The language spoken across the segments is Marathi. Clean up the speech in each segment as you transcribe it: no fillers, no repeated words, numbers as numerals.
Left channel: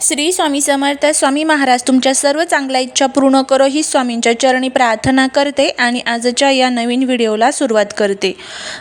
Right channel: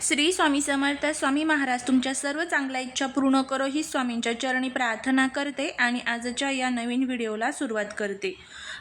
श्री स्वामी समर्थ. स्वामी महाराज तुमच्या सर्व चांगल्या इच्छा पूर्ण करो ही स्वामींच्या चरणी प्रार्थना करते आणि आजच्या या नवीन व्हिडिओला सुरुवात करते.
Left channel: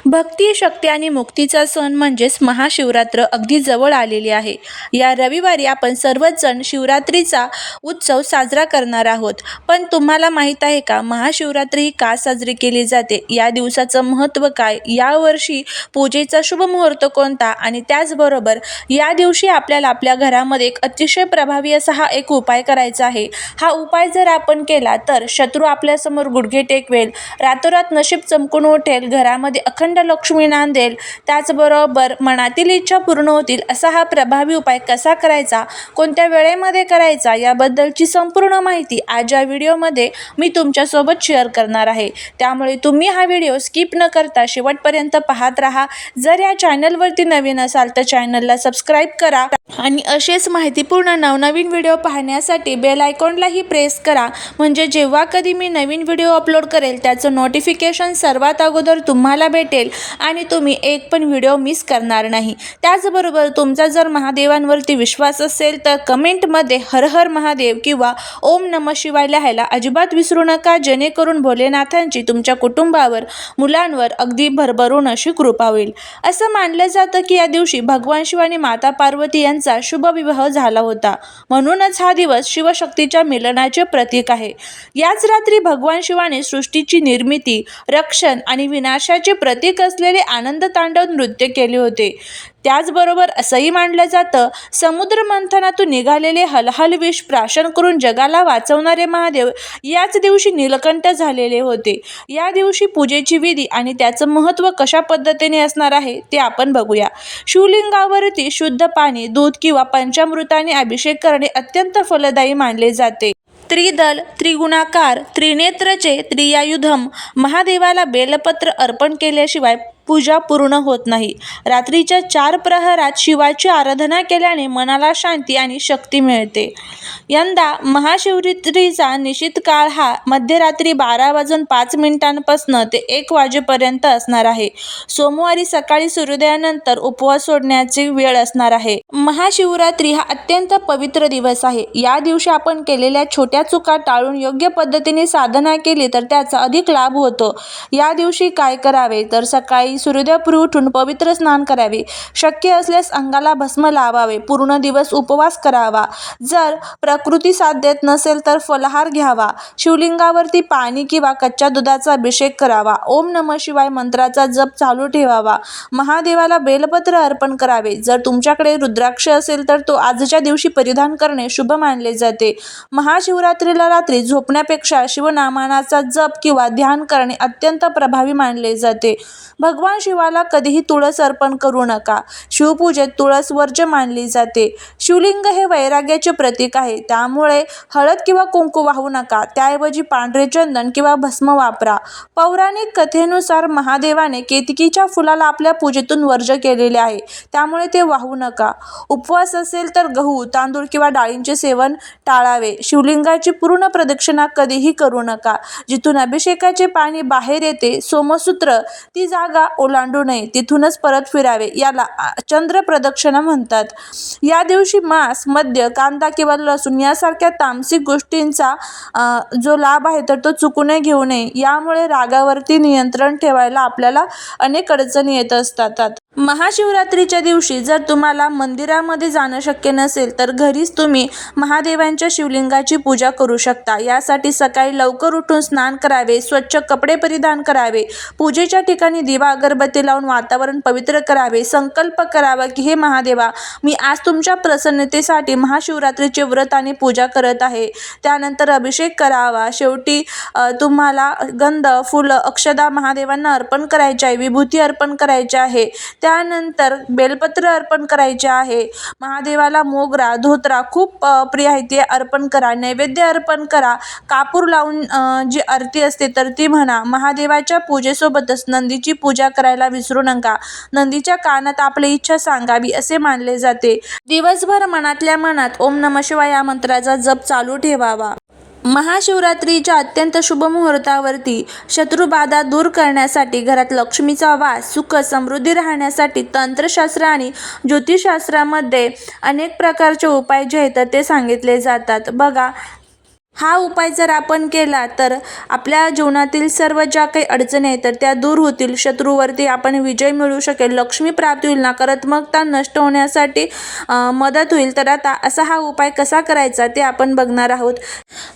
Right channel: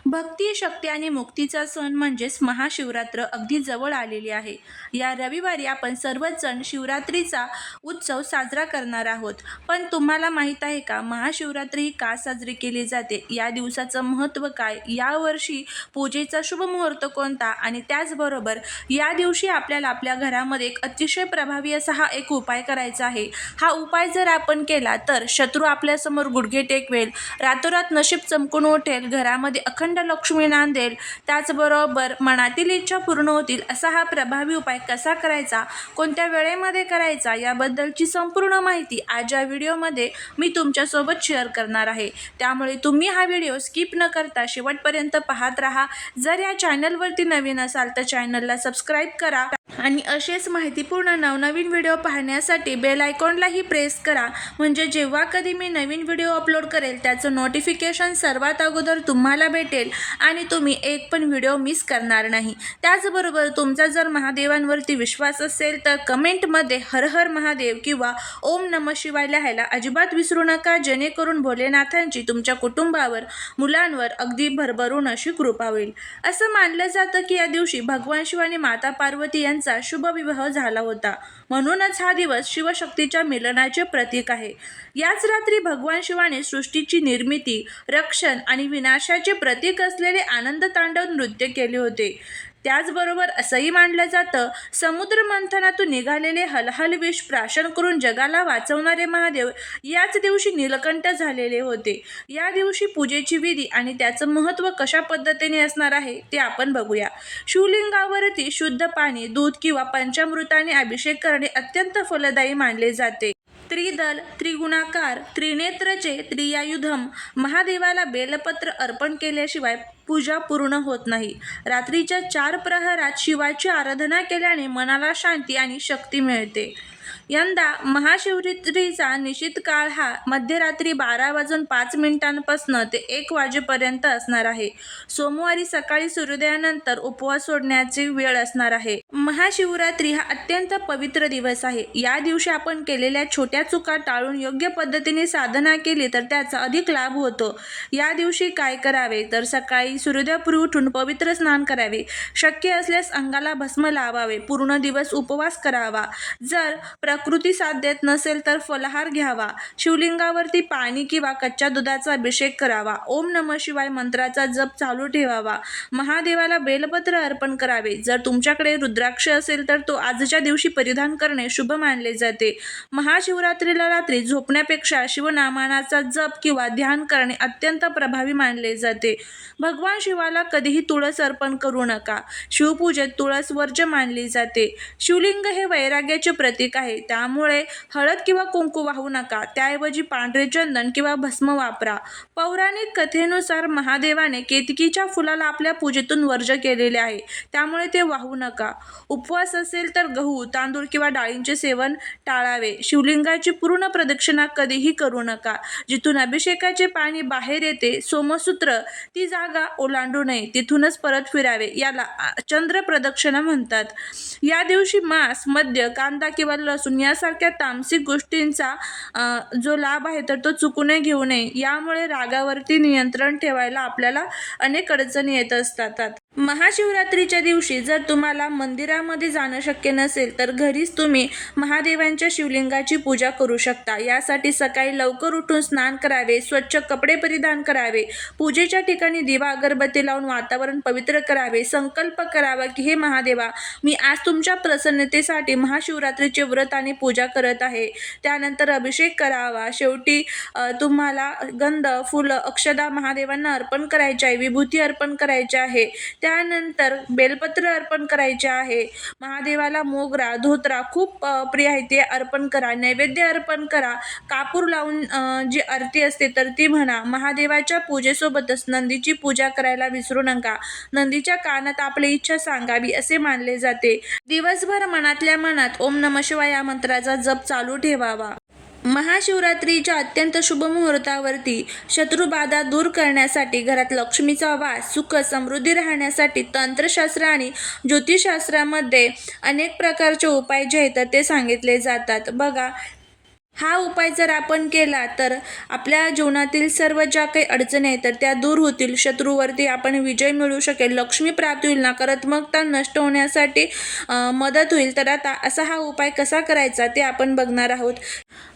भक्ती, शक्ती आणि मुक्तीचा सण म्हणजेच महाशिवरात्र अगदी जवळ आलेली आहे. या रविवारी आपण सर्वच जण शिवरात्रीचा उत्सव साजरा करणार आहोत. पण तुम्हाला माहीत आहे का, महाशिवरात्री ही का साजरी केली जाते? या दिवसाचं महत्त्व काय? यावर्षी पूजेचा शुभ मुहूर्त कोणता? आणि त्याचबरोबर या दिवशी आपल्याला आपल्या घरामध्ये एक अतिशय प्रभावी असा हा एक उपाय करायचा आहे. हा उपाय जर आपण केला तर शत्रू आपल्यासमोर गुडघे टेकवेल, रातोरात नशीब चमकून उठेल, घरामध्ये अखंड लक्ष्मी नांदेल, त्याचबरोबर मनातील इच्छा पूर्ण होतील. असा हा प्रभावी उपाय कसा करायचा, कोणत्या वेळेमध्ये करायचा, याबद्दलची संपूर्ण माहिती आज या व्हिडिओमध्ये मी तुमच्यासोबत शेअर करणार आहे. त्यामुळे तुम्ही हा व्हिडिओ स्किप न करता शेवटपर्यंत पाहत राहा. जर या चॅनलवरती नवीन असाल तर चॅनलला सबस्क्राईब करा आणि असेच माहितीपूर्ण नवनवीन व्हिडिओ पाहण्यासाठी बेल आयकॉनलाही प्रेस करा, म्हणजे जेव्हा कधी मी नवीन व्हिडिओ अपलोड करेल त्याचं नोटिफिकेशन सर्वात अगोदर तुम्हाला भेटेल आणि तुम्ही एक पण व्हिडिओ मिस करणार नाही. त्याचबरोबर तुमचा जर महादेवांवरती विश्वास असेल तर कमेंटमध्ये हर हर महादेव किंवा ओम नमः शिवाय लिहायला अजिबात विसरू नका, जेणेकरून भोलेनाथांची तुमच्या कुटुंबावर, मुलांवर अगदी भरभरून अशी कृपा होईल. असं मानलं जातं की या दिवशी भगवान शिव आणि माता पार्वती यांचा शुभ विवाह झाला होता, म्हणूनच हा दिवस शिवशक्तीच्या मिलनाचे प्रतीक आहे. याच रात्री भगवान शिवाने सृष्टीची निर्मिती, रक्षण आणि विनाशाचे प्रतीक असलेले आनंद तांडव नृत्य केले होते. त्याचबरोबर असंही मानलं जातं, समुद्र मंथनातून निघालेले हलहल विष प्राशन करून जगाला वाचवणारे महादेव याच दिवशी नीलकंठ झालेले होते. या दिवशी पूजेची विधी आणि त्याचं महत्त्व कशा पद्धतीने असणार आहे ते आपण बघूया. शिवलिंगावरती शुद्ध पाणी, दूध किंवा पंचामृताने अभिषेक करणे अत्यंत फलदायी मानले जाते. त्रिदल, त्रिगुणाकार, त्रिनेत्रचे त्रियायुधम महादेवाला बेलपत्र अर्पण केल्याशिवाय पूजा पूर्ण होत नाही. रात्रीच्या 4 प्रहरात शिवाची आराधना केल्याने मनाला शांती आणि शक्ती मिळते. यंदा महाशिवरात्रीचा निश्चित काळ हा मध्यरात्री 12:05 ते 1 वाजेपर्यंत असणार आहे. सोमवारी सकाळी सूर्योदयानंतर उपवास सोडण्याची वेळ असणार आहे. महाशिवरात्री हा अत्यंत पवित्र दिवस आहे. या दिवशी आपण केलेल्या छोट्या चुका टाळून योग्य पद्धतीने साधना केली तर त्याचा अधिक लाभ होतो. या दिवशी काय करावे तर सकाळी सूर्योदयापूर्वी उठून पवित्र स्नान करावे, शक्य असल्यास अंगाला भस्म लावावे, पूर्ण दिवस उपवास करावा, जर प्रकृती साथ देत नसेल तर फलाहार घ्यावा, शिवलिंगावरती पाणी किंवा कच्च्या दुधाचा अभिषेक करावा, ओम नमः शिवाय मंत्राचा जप चालू ठेवावा, महादेवाला बेलपत्र अर्पण करावे. जर तुमच्याकडे रुद्राक्ष असेल तर तो आजच्या दिवशी परिधान करणे शुभ मानले जाते. महाशिवरात्रीला रात्री झोपण्यापेक्षा शिवनामाचा जप किंवा ध्यान करणे अत्यंत प्रभावी मानले जाते. भगवान शिवाला कधीही तुळस अर्पण करू नका. शिवपूजेत तुळस वर्ज्य मानली जाते. शिवलिंग हे वैराग्याचे प्रतीक आहे, त्यामुळे हळद किंवा कुंकू वाहू नका. त्याऐवजी पांढरे चंदन किंवा भस्म वापरा. पौराणिक कथेनुसार महादेवाने केतकीच्या फुलाला आपल्या पूजेतून वर्ज्य केलेले आहे, त्यामुळे ते वाहू नका. उपवास असेल तर गहू, तांदूळ किंवा डाळींचे सेवन टाळावे. शिवलिंगाची पूर्ण प्रदक्षिणा कधीही करू नका. जिथून अभिषेकाचे पाणी बाहेर येते, सोमसूत्र, ती जागा ओलांडू नये, तिथूनच परत फिरावे. याला चंद्र प्रदक्षिणा म्हणतात. या दिवशी मांस, मद्य, कांदा किंवा लसूण यासारख्या तामसिक गोष्टींचा जो लाभ आहे तर तो चुकूनही घेऊ नये. यामुळे रागावरती नियंत्रण ठेवायला आपल्याला अनेक अडचणी येत असतात. महाशिवरात्रीच्या दिवशी जर तुम्हाला मंदिरामध्ये जाणं शक्य नसेल तर घरीच तुम्ही महादेवांच्या शिवलिंगाची पूजा करू शकता. यासाठी सकाळी लवकर उठून स्नान करावे, स्वच्छ कपडे परिधान करावे, पूजेच्या ठिकाणी दिवा अगरबत्ती लावून वातावरण पवित्र करावे, संकल्प करावा की हे महादेवा, मी आज तुमच्या प्रसन्नतेसाठी महाशिवरात्रीचे व्रत आणि पूजा करत आहे. त्यानंतर अभिषेक करावा. शेवटी तुम्हाला गंध, फुलं, अक्षदा महादेवांना अर्पण करायचे आहे, विभूती अर्पण करायचे आहे, त्यानंतर बेलपत्र अर्पण करायचे आहे. महादेवाला मोगरा, धोत्रा खूप प्रिय आहे ते अर्पण करा. नैवेद्य अर्पण करा. कापूर लावून जी आरती असते तर ती म्हणा. महादेवाच्या पूजेसोबतच नंदीची पूजा करायला विसरू नका. नंदीच्या कानात आपली इच्छा सांगावी असे मानले जाते. दिवसभर मनातल्या मनात ओम नमः शिवाय या मंत्राचा जप चालू ठेवावा. महाशिवरात्रीच्या अत्यंत शुभ मुहूर्तावरती शत्रुबाधा दूर करण्यासाठी, घरात लक्ष्मीचा वास, सुख समृद्धी राहण्यासाठी तंत्रशास्त्र आणि ज्योतिषशास्त्रामध्ये अनेक प्रकारचे उपाय जे आहेत ते सांगितले जातात. बघा, हा उपाय जर आपण केला तर आपल्या जीवनातील सर्व ज्या काही अडचणी आहेत तर त्या दूर होतील. शत्रूवरती आपण विजय मिळवू शकेल, लक्ष्मी प्राप्ती होईल, नकारात्मकता नष्ट होण्यासाठी मदत होईल. तर आता असा हा उपाय कसा करायचा ते आपण बघणार आहोत.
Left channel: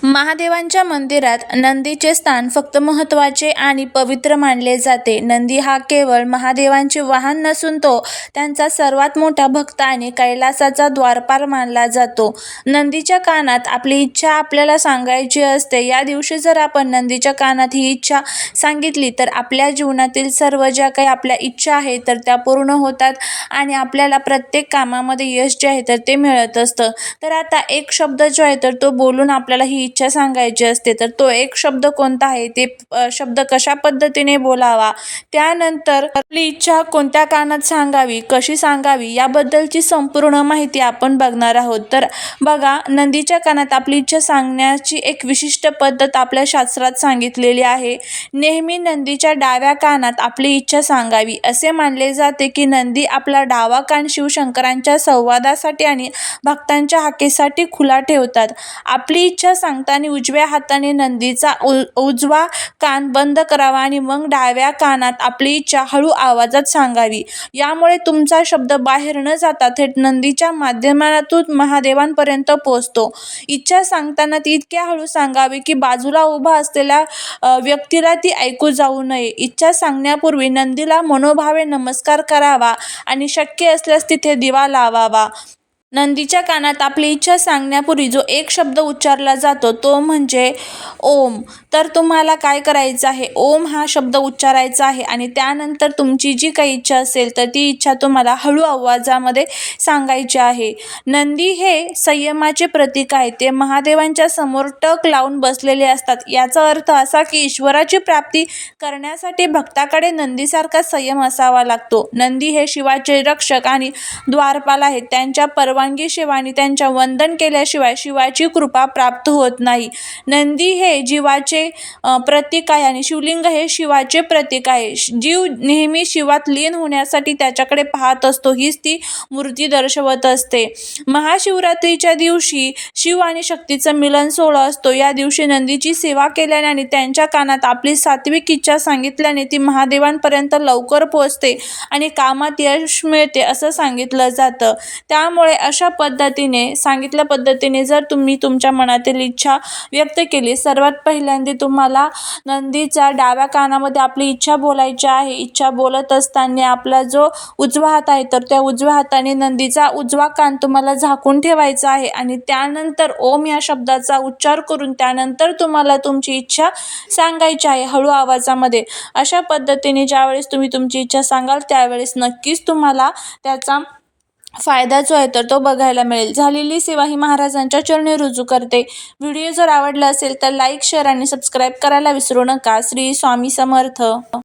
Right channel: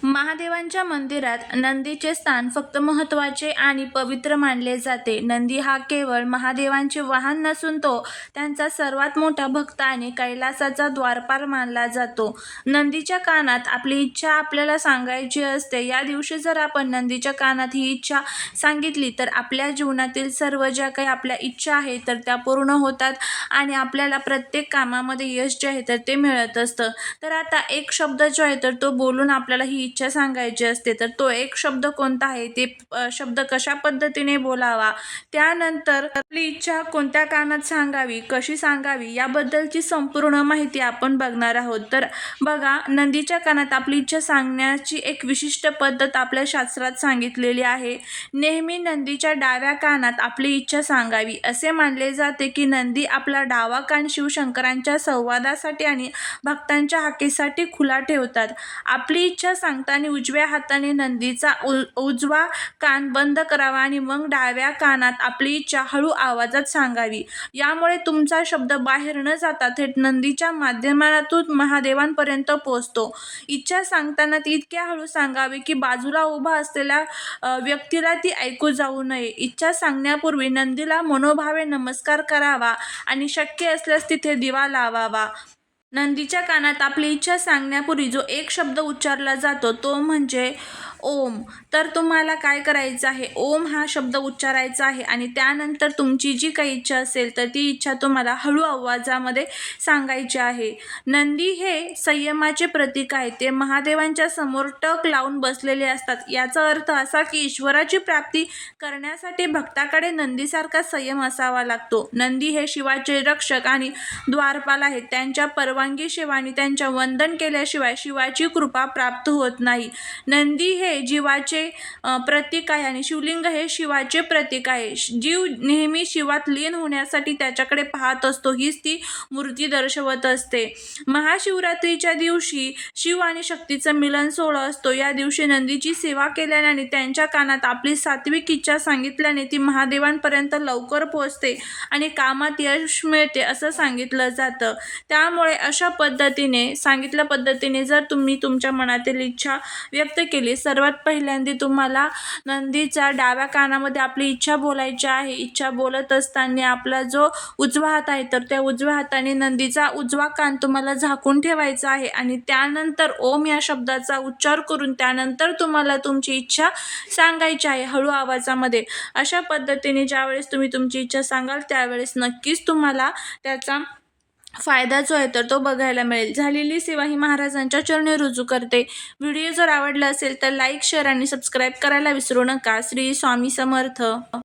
महादेवांच्या मंदिरात नंदीचे स्थान फक्त महत्त्वाचे आणि पवित्र मानले जाते. नंदी हा केवळ महादेवांचे वाहन नसून तो त्यांचा सर्वात मोठा भक्त आणि कैलासाचा द्वारपाल मानला जातो. नंदीच्या कानात आपली इच्छा आपल्याला सांगायची असते. या दिवशी जर आपण नंदीच्या कानात ही इच्छा सांगितली तर आपल्या जीवनातील सर्व ज्या काही आपल्या इच्छा आहेत तर त्या पूर्ण होतात आणि आपल्याला प्रत्येक कामामध्ये यश जे आहे तर ते मिळत असतं. तर आता एक शब्द जो आहे तर तो बोलून आपल्याला ही इच्छा सांगायची असते. तर तो एक शब्द कोणता आहे, ते शब्द कशा पद्धतीने बोलावा, त्यानंतर आपली इच्छा कोणत्या कानात सांगावी, कशी सांगावी याबद्दलची संपूर्ण माहिती आपण बघणार आहोत. तर बघा, नंदीच्या कानात आपली इच्छा सांगण्याची एक विशिष्ट पद्धत आपल्या शास्त्रात सांगितलेली आहे. नेहमी नंदीच्या डाव्या कानात आपली इच्छा सांगावी. असे मानले जाते की नंदी आपला डावा कान शिवशंकरांच्या संवादासाठी आणि भक्तांच्या हाकेसाठी खुला ठेवतात. आपली इच्छा सांगताना उजव्या हाताने नंदीचा उजवा कान बंद करावा आणि मग डाव्या कानात आपली इच्छा हळू आवाजात सांगावी. यामुळे तुमचा शब्द बाहेर न जाता थेट नंदीच्या माध्यमातून महादेवांपर्यंत पोहोचतो. इच्छा सांगताना ती इतक्या हळू सांगावी की बाजूला उभा असलेल्या व्यक्तीला ती ऐकू जाऊ नये. इच्छा सांगण्यापूर्वी नंदीला मनोभावे नमस्कार करावा आणि शक्य असल्यास तिथे दिवा लावावा. नंदीच्या कानात आपली इच्छा सांगण्यापूर्वी जो एक शब्द उच्चारला जातो तो म्हणजे ओम. तर तुम्हाला काय करायचं आहे, ओम हा शब्द उच्चारायचा आहे आणि त्यानंतर तुमची जी काही इच्छा असेल तर ती इच्छा तुम्हाला हळू आवाजामध्ये सांगायची आहे. नंदी हे संयमाचे प्रतीक आहे. ते महादेवांच्या समोर टक लावून बसलेले असतात. याचा अर्थ असा की ईश्वराची प्राप्ती करण्यासाठी भक्ताकडे नंदीसारखा संयम असावा लागतो. नंदी हे शिवाचे रक्षक आणि द्वारपाल आहेत. त्यांच्या परवानगीशिवाय आणि त्यांच्या वंदन केल्याशिवाय शिवाची कृपा प्राप्त होत नाही. नंदी हे जीवाचे प्रतीक आहे आणि शिवलिंग हे शिवाचे प्रतीक आहे. जीव नेहमी शिवात लीन होण्यासाठी त्याच्याकडे पाहत असतो, हीच ती मूर्ती दर्शवत असते. महाशिवरात्रीच्या दिवशी शिव आणि शक्तीचं मिलन सोहळा असतो. या दिवशी नंदीची सेवा केल्याने आणि त्यांच्या कानात आपली सात्विक इच्छा सांगितल्याने ती महादेवांपर्यंत लवकर पोहोचते आणि कामात यश मिळते असं सांगितलं जातं. त्यामुळे अशा पद्धतीने सांगितल्या पद्धतीने जर तुम्ही तुमच्या मनातील इच्छा व्यक्त केली, सर्वात पहिल्यांदा तुम्हाला नंदीच्या डाव्या कानामध्ये आपली इच्छा बोलायची आहे. इच्छा बोलत असताना आपला जो उजवा हात आहे तर त्या उजव्या हाताने नंदीचा उजवा कान तुम्हाला झाकून ठेवायचा आहे आणि त्यानंतर ओम या शब्दाचा उच्चार करून त्यानंतर तुम्हाला तुमची इच्छा सांगायची आहे हळू आवाजामध्ये. अशा पद्धतीने ज्यावेळेस तुम्ही तुमची इच्छा सांगाल त्यावेळेस नक्कीच तुम्हाला त्याचा फायदा जो आहे तर तो बघायला मिळेल. झालेली सेवा ही महाराजांच्या चरणी रुजू करते. व्हिडिओ जर आवडला असेल तर लाईक, शेअर आणि सबस्क्राईब करायला विसरू नका. श्री स्वामी समर्थ.